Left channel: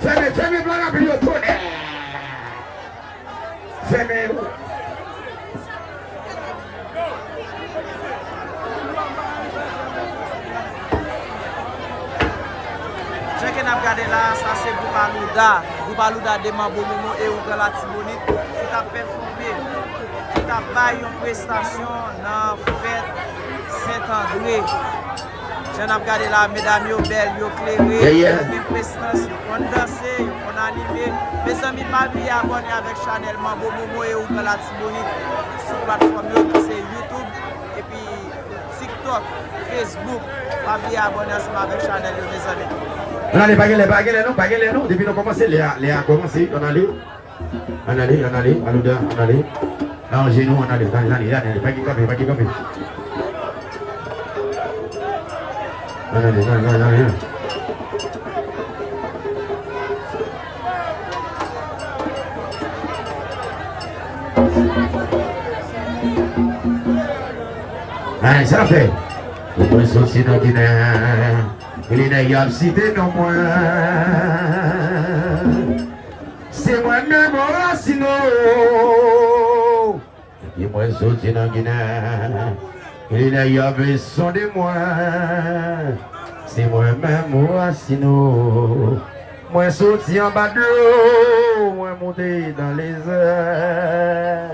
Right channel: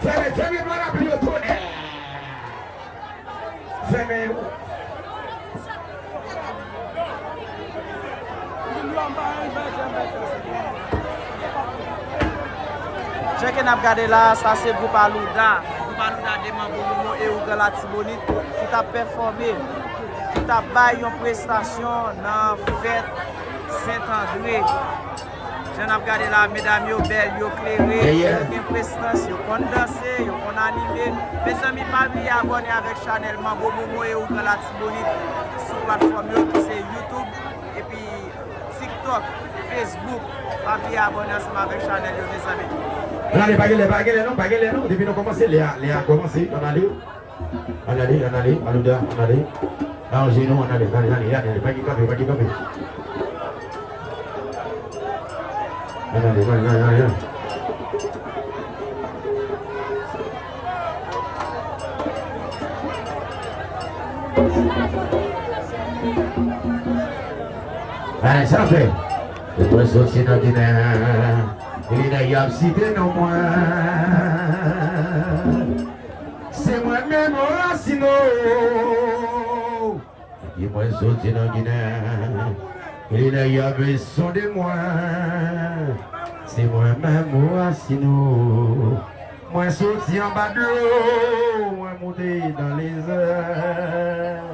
Fais-moi bloc à plus autour. Fais-moi. Je que n'a regardé là, ça c'est Boubalouda. Boubalouda demande Bomomo et Ouga la Tibonite qui t'a performé, qui t'a baillé une prestation dans la fête Saint-André. Je n'ai regardé là, mesdames, yo belles, yo clairées, yo bien prestance, yo kon danser, yo kon animer. Mes amis, pas oublier abonner avec Chanel Mambo Momo et Ouga la Tibonite sur plateforme yo qui c'est YouTube et puis TikTok, Facebook. Pas oublier abonner ensemble avec Chanel yo mes amis. Là, les baguettes, non. Depuis qu'on commence, les a commencé, on allait, Alouda, on allait. Là, en genou, on allait, les baguettes. Allez, ça fait. Nous sommes aussi dans Guinée. Il n'y a pas cité non moins. C'est moi-même au racino. Il m'a sauté dans Guinée. Il n'y a pas besoin de moi. C'est moi-même au racino. Moi sauté en bas de l'eau. Moi monté dans les airs.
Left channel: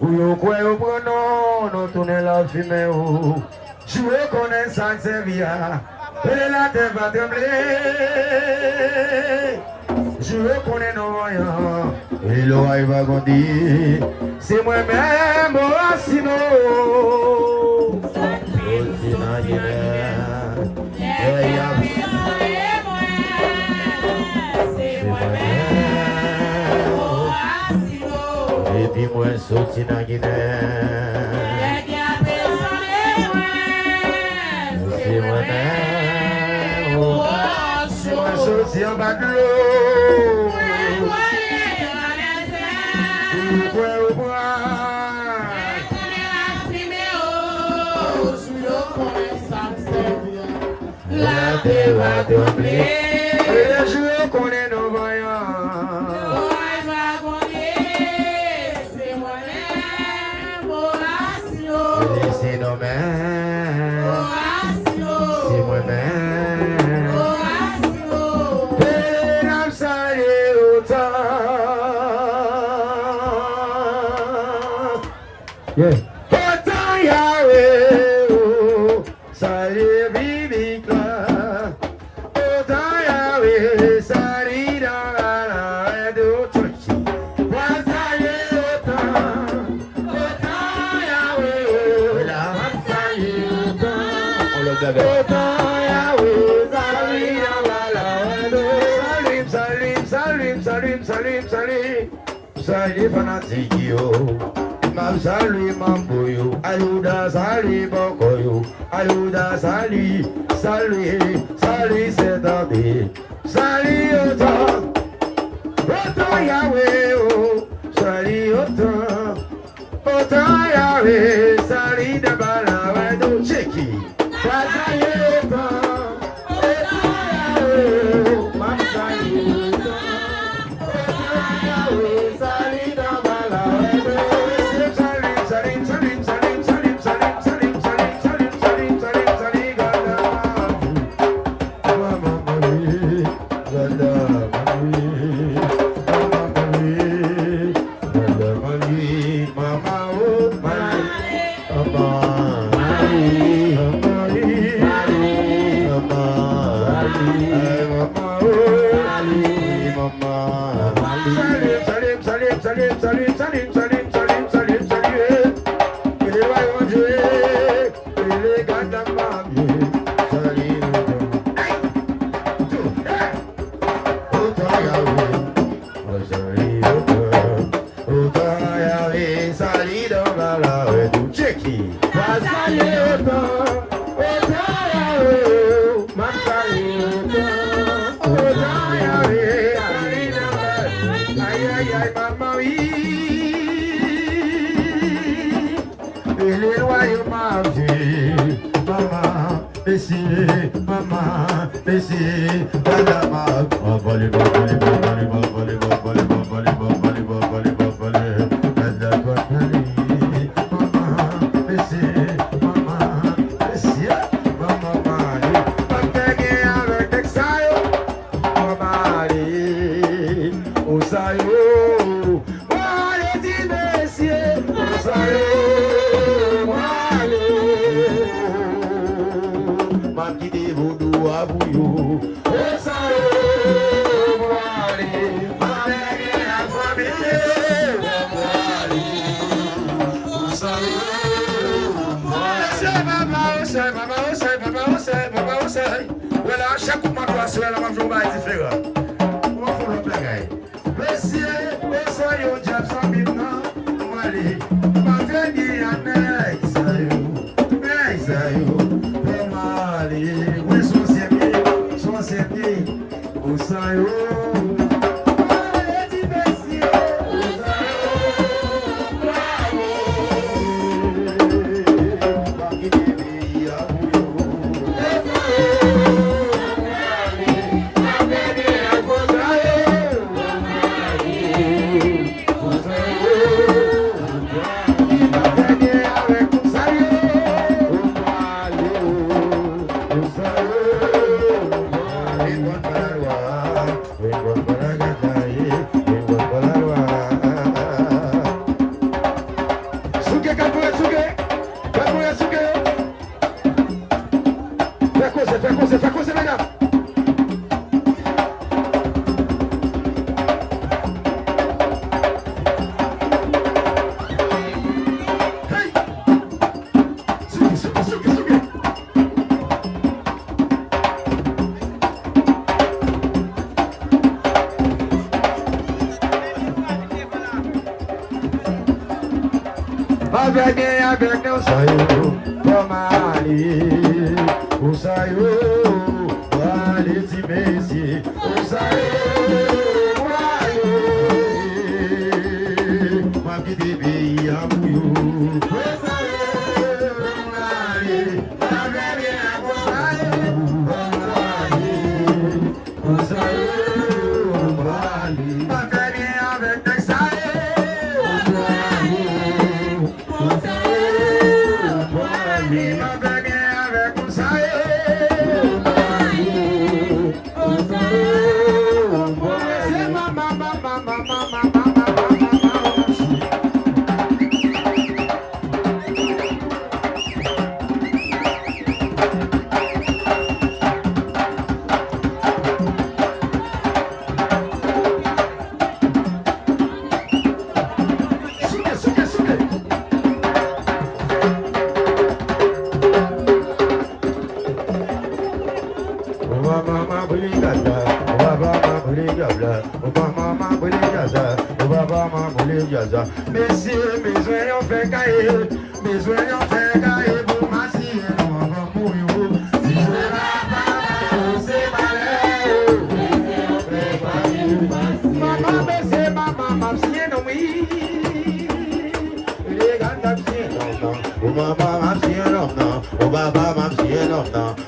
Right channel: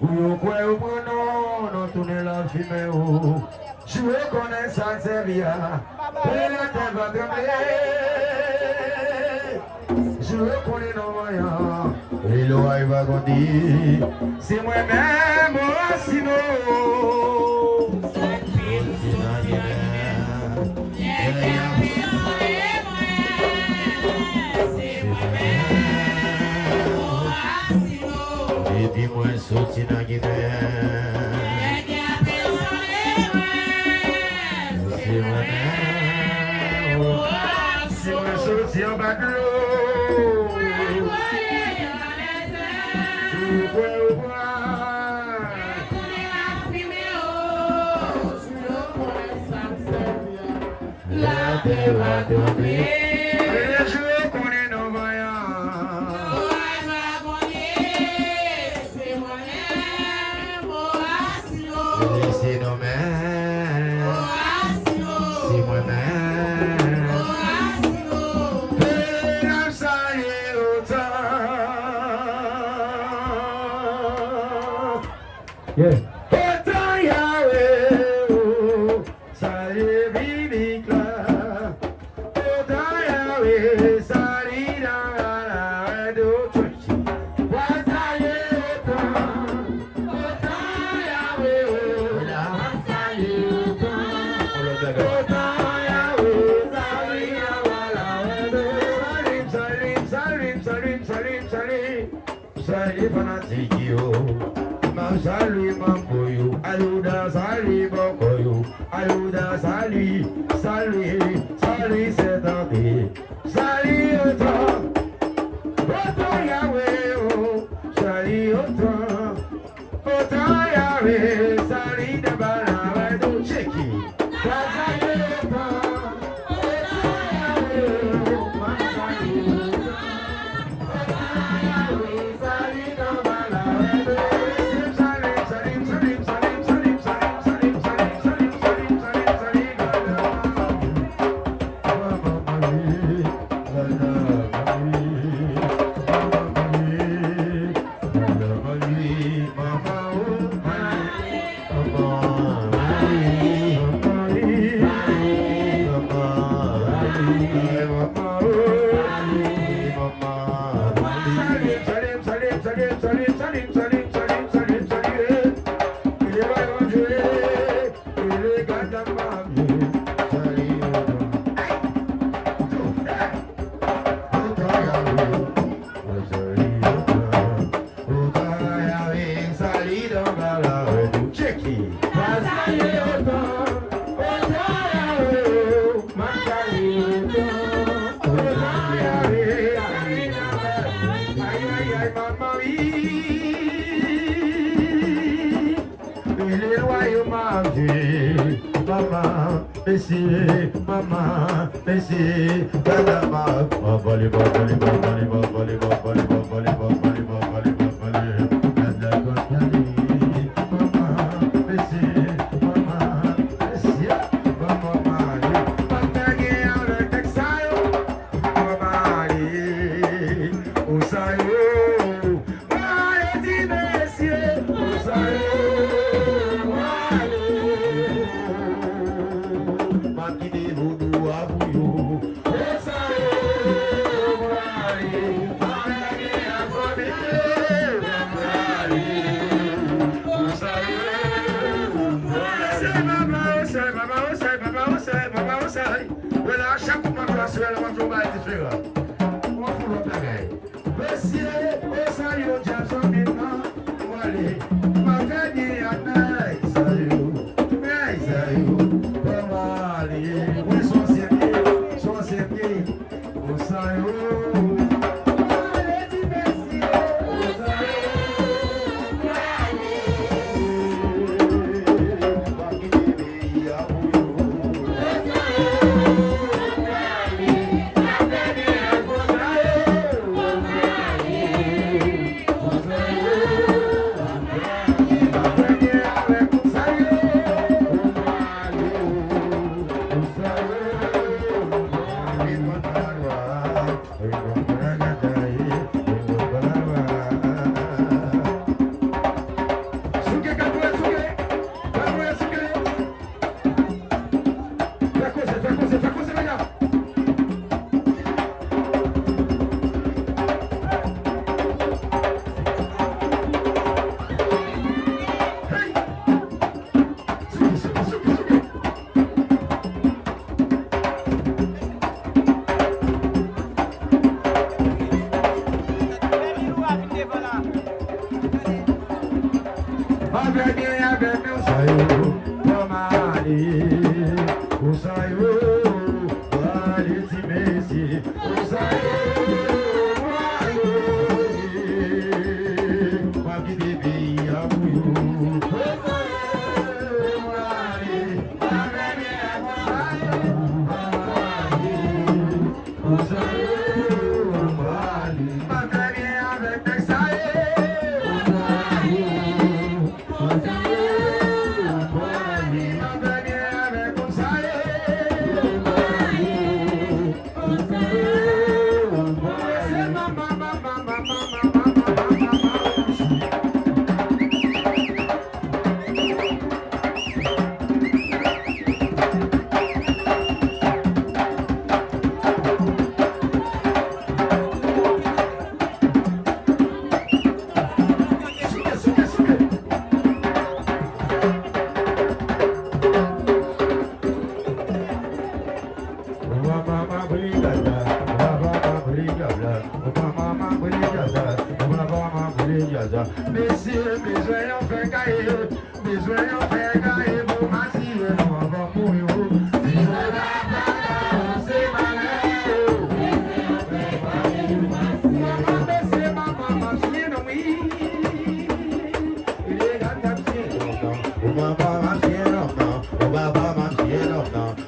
Où y'a quoi au prenant. Nous tournons la fumée. Je reconnais ça servir. Et la terre va trembler. Je reconnais nos voyants. Et l'oreille va grandir. C'est moi-même au racino. Et puis moi sauté dans Guinée. C'est un bac de l'eau. La terre va trembler. Et les jours qu'on est nos voyants. C'est moi-même au racino. C'est nos mères. C'est moi-même. Yeah. Salut fanatique yo, mam salut mambo yo, ayuda salut boko yo, ayuda salut, salut Saint-André, salut autant, autant Yahweh oh, salut autant Yahweh, salut d'abala ouais check it, salut autant Yahweh oh, mam salut maman, oui. Il est loyal, manger. Maman, laissez, maman, laissez. Madame, babali, babali, babali, babali, babali, babali, babali, babali, babali. Madame, babali, maman, laissez, maman, laissez. Maman, mari, papegui avec exaio. Mari, o saio. Mari de Messier, o saio. Makide vudu abuyo. O saio. Mari, papegui a família. Mari, o saio. Voilà, chaque mois, toi, sur la même journée, différent. Comment faut le blaguer? Messieurs, les saillots, Jackson, maintenant, Mali, ma famille, à Mesaïo, pour Mali, oui, son sépier, au saillots. Messieurs, mes oignons fait cailler, mes oignons fait cailler, pour m'assis, on va mourir. Si je la c'est maman, c'est maman, c'est oui. Il est dans la piscine, oh maman, ma chienne, non, oh baba, ma chienne, non,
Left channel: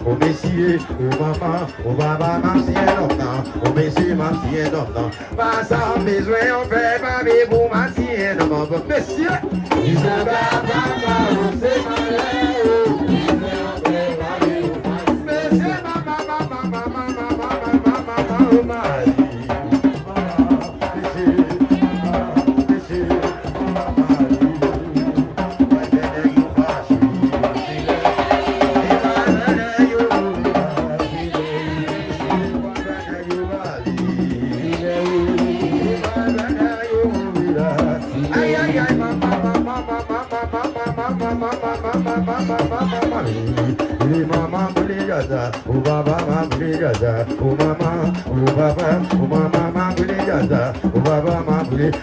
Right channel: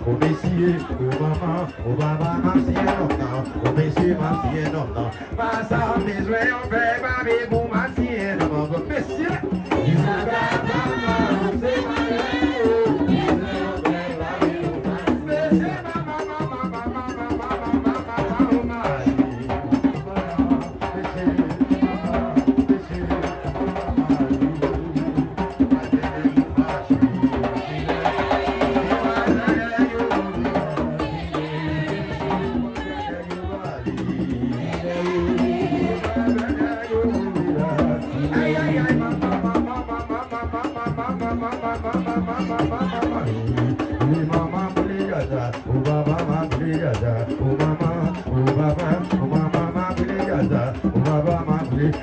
oh messieurs, oh maman, oh baba, ma chienne, non, oh messieurs, ma chienne, non. Pas ça, mes oignons fait cailler, pour m'assis. Monsieur, il se bat, c'est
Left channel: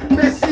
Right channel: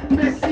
Messieurs,